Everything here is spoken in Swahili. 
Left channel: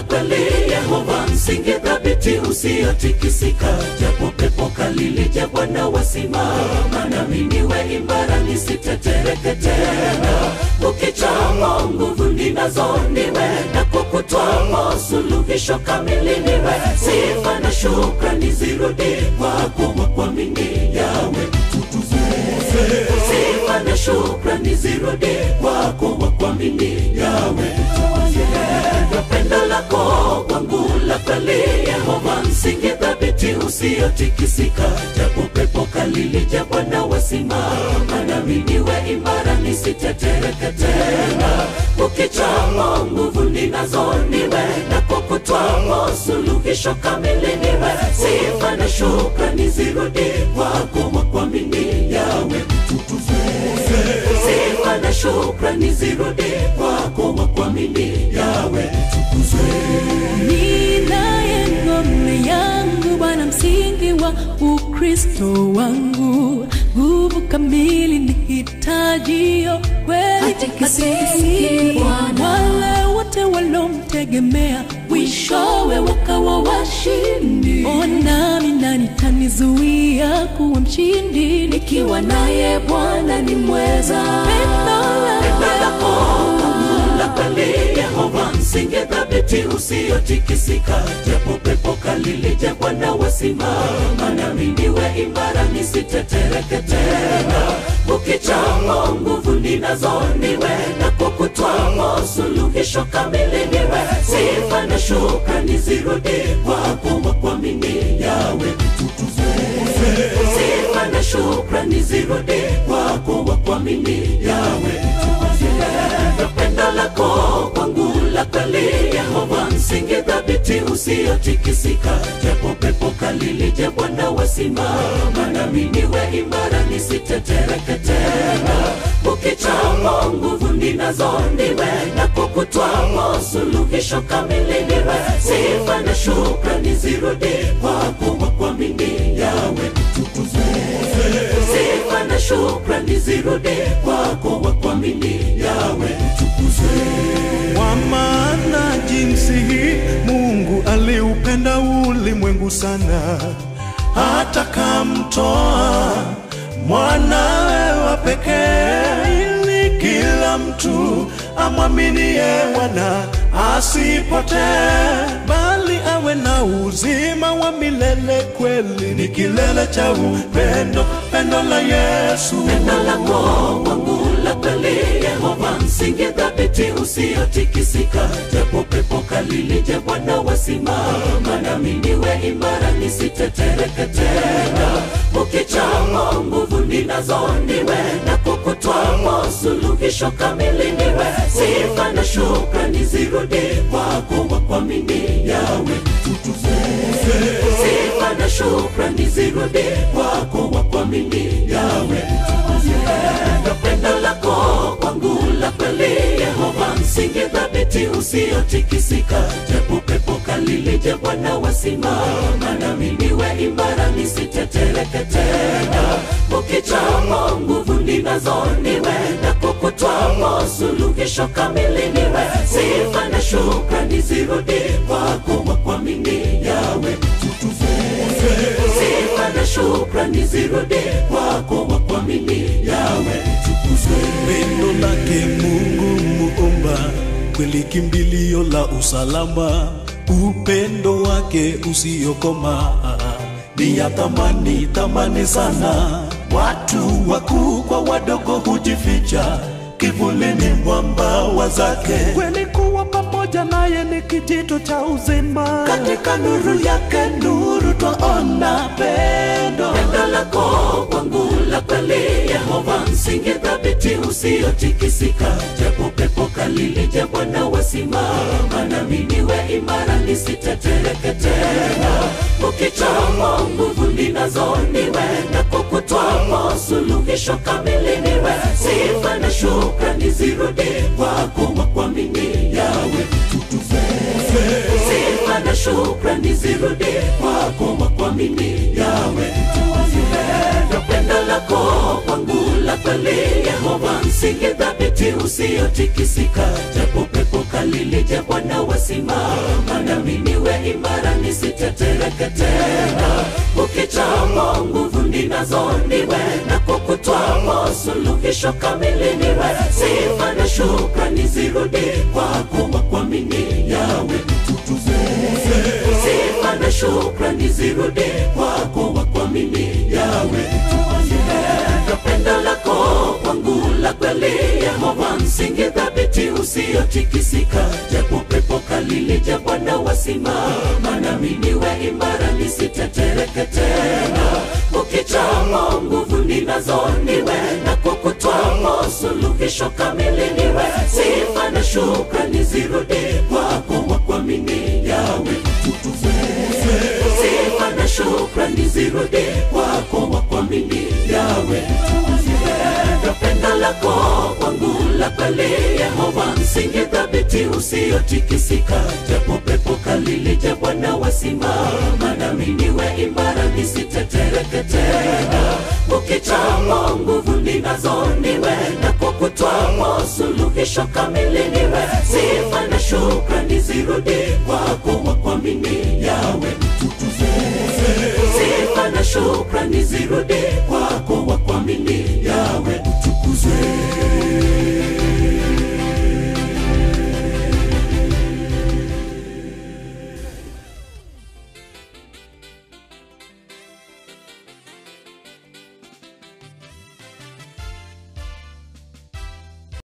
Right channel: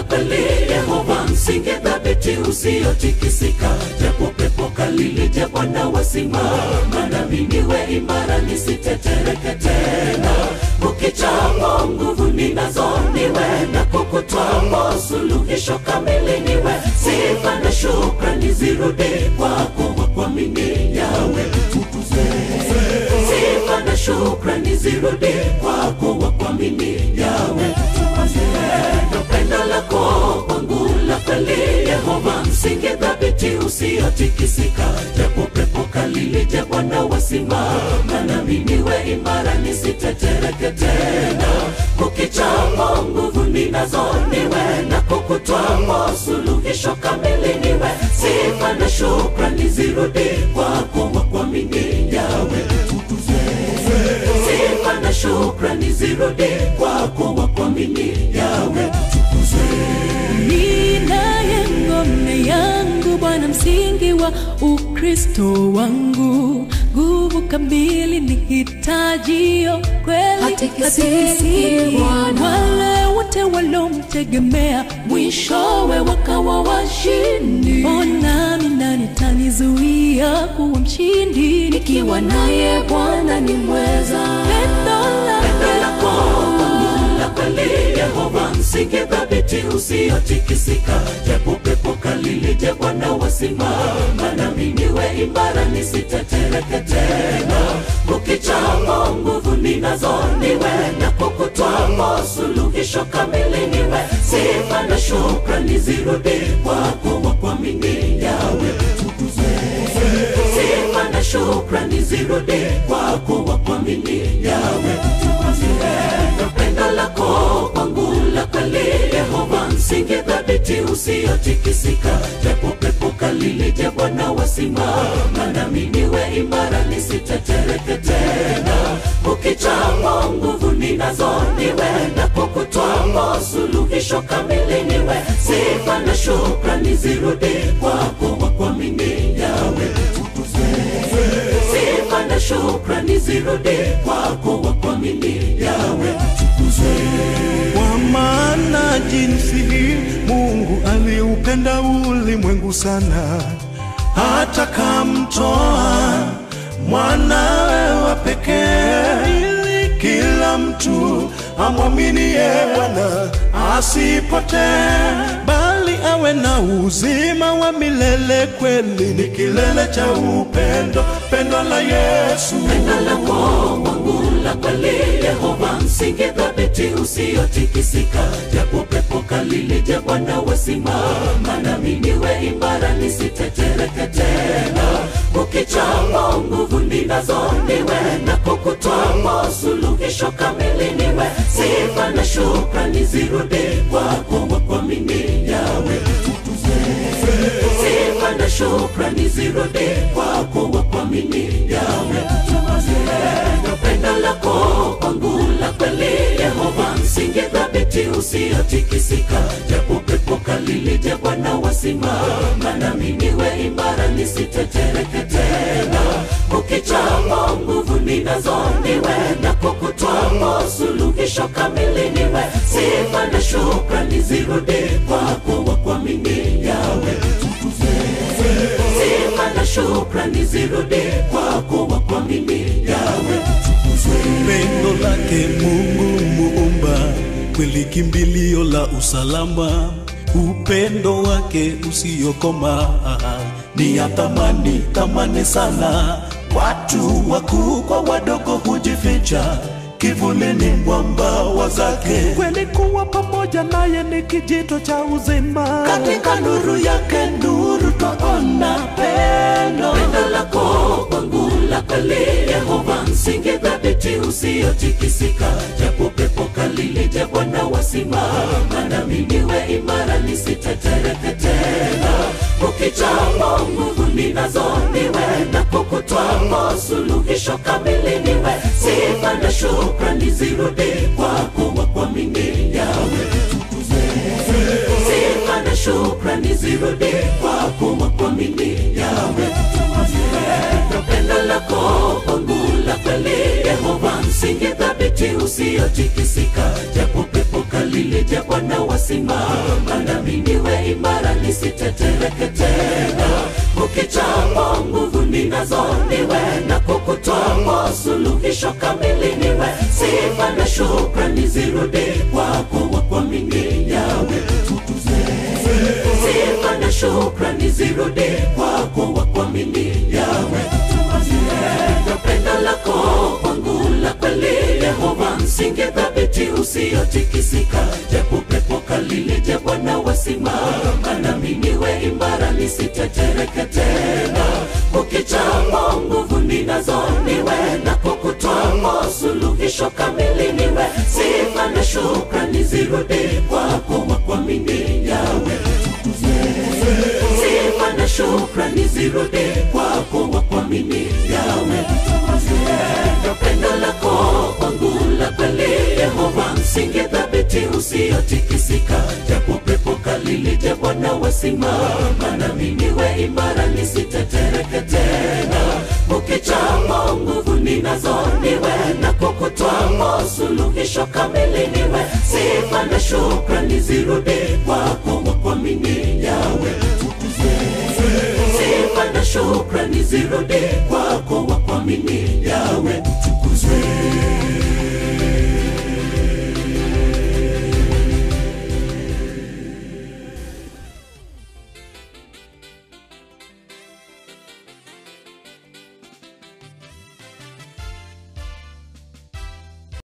la kweli, Yehova msingi thabiti usiotikisika. Japo pepo kali lije, Bwana wasimama nami, niwe imara nisitetereke tena. Ukichamo nguvu ninazo niwe, na kukutwamo suluhisho kamili niwe. Sifa na shukrani zirudi kwako, wa kuamini Yawe utukuze. Sifa na shukrani zirudi kwako, wa kuamini Yawe utukuze. Pendo lako kwangu la kweli, Yehova msingi thabiti usiotikisika. Japo pepo kali lije, Bwana wasimama nami, niwe imara nisitetereke tena. Ukichamo nguvu ninazo niwe, na kukutwamo suluhisho kamili niwe. Sifa na shukrani zirudi kwako, wa kuamini Yawe utukuze. Sifa na shukrani zirudi kwako, wa kuamini Yawe utukuze. Ninaye ngome yangu, Bwana msingi wa Ukristo wangu. Nguvu kamili nihitajio kweli, hatikisiki Bwana. Wale wote walomtegemea mwishowe wakawa washindi. Ona nani tanizuia kuwa mshindi, nikiwa naye Bwana ni mweza. Pendo lako la kweli, Yehova msingi thabiti usiotikisika. Japo pepo kali lije, Bwana wasimama nami, niwe imara nisitetereke tena. Ukichamo nguvu ninazo niwe, na kukutwamo suluhisho kamili niwe. Sifa na shukrani zirudi kwako, wa kuamini Yawe utukuze. Sifa na shukrani zirudi kwako, wa kuamini Yawe utukuze. Pendo lako kwangu la kweli, Yehova msingi thabiti usiotikisika. Japo pepo kali lije, Bwana wasimama nami, niwe imara nisitetereke tena. Ukichamo nguvu ninazo niwe, na kukutwamo suluhisho kamili niwe. Sifa na shukrani zirudi kwako, wa kuamini Yawe utukuze. Sifa na shukrani zirudi kwako, wa kuamini Yawe utukuze. Kwa maana jinsi hii Mungu aliupenda ulimwengu sana, hata kamtoa mwanawe wa pekee, ili kila mtu amwaminie Bwana asipotee, bali awe na uzima wa milele. Kweli ni kilele cha upendo, pendo la Yesu. Pendo lako kwangu la kweli, Yehova msingi thabiti usiotikisika. Japo pepo kali lije, Bwana wasimama nami, niwe imara nisitetereke tena. Ukichamo nguvu ninazo niwe, na kukutwamo suluhisho kamili niwe. Sifa na shukrani zirudi kwako, wa kuamini Yawe utukuze. Sifa na shukrani zirudi kwako, wa kuamini Yawe utukuze. Pendo lako kwangu la kweli, Yehova msingi thabiti usiotikisika. Japo pepo kali lije, Bwana wasimama nami, niwe imara nisitetereke tena. Ukichamo nguvu ninazo niwe, na kukutwamo suluhisho kamili niwe. Sifa na shukrani zirudi kwako, wa kuamini Yawe utukuze. Sifa na shukrani zirudi kwako, wa kuamini Yawe utukuze. Neno lake Mungu Muumba, kweli kimbilio la usalama. Upendo wake usiokoma ni ya thamani sana. Watu wakuu kwa wadogo hujificha kivulini mwa mbawa zake. Kweli kuwa pamoja naye ni kijito cha uzima, katika nuru yake nuru twaona pendo. Pendo lako kwangu la kweli, Yehova msingi thabiti usiotikisika. Japo pepo kali lije, Bwana wasimama nami, niwe imara nisitetereke tena. Ukichamo nguvu ninazo niwe, na kukutwamo suluhisho kamili niwe. Sifa na shukrani zirudi kwako, wa kuamini Yawe utukuze. Sifa na shukrani zirudi kwako, wa kuamini Yawe utukuze. Pendo lako kwangu la kweli, Yehova msingi thabiti usiotikisika. Japo pepo kali lije, Bwana wasimama sitatereketena. Ukichamo nguvu ninazo niwe, na kukutwamo suluhisho kamili niwe. Sifa na shukrani zirudi kwako wa kuamini Yawe utukuze. Sifa na shukrani zirudi kwako wa kuamini Yawe utukuze. Pendo lako kwangu la kweli Yehova, msingi thabiti usiotikisika. Japo pepo kali lije Bwana wasimama, nami niwe imara nisitetereketena. Ukichamo nguvu ninazo niwe, na kukutwamo suluhisho kamili niwe. Sifa na shukrani zirudi kwako wa kuamini Yawe utukuze. Sifa na shukrani zirudi kwako wa kuamini Yawe utukuze. Pendo lako kwangu la kweli Yehova, msingi thabiti usiotikisika. Japo pepo kali lije Bwana wasimama, nami niwe imara nisitetereketena. Ukichamo nguvu ninazo niwe, na kukutwamo suluhisho kamili niwe. Sifa na shukrani zirudi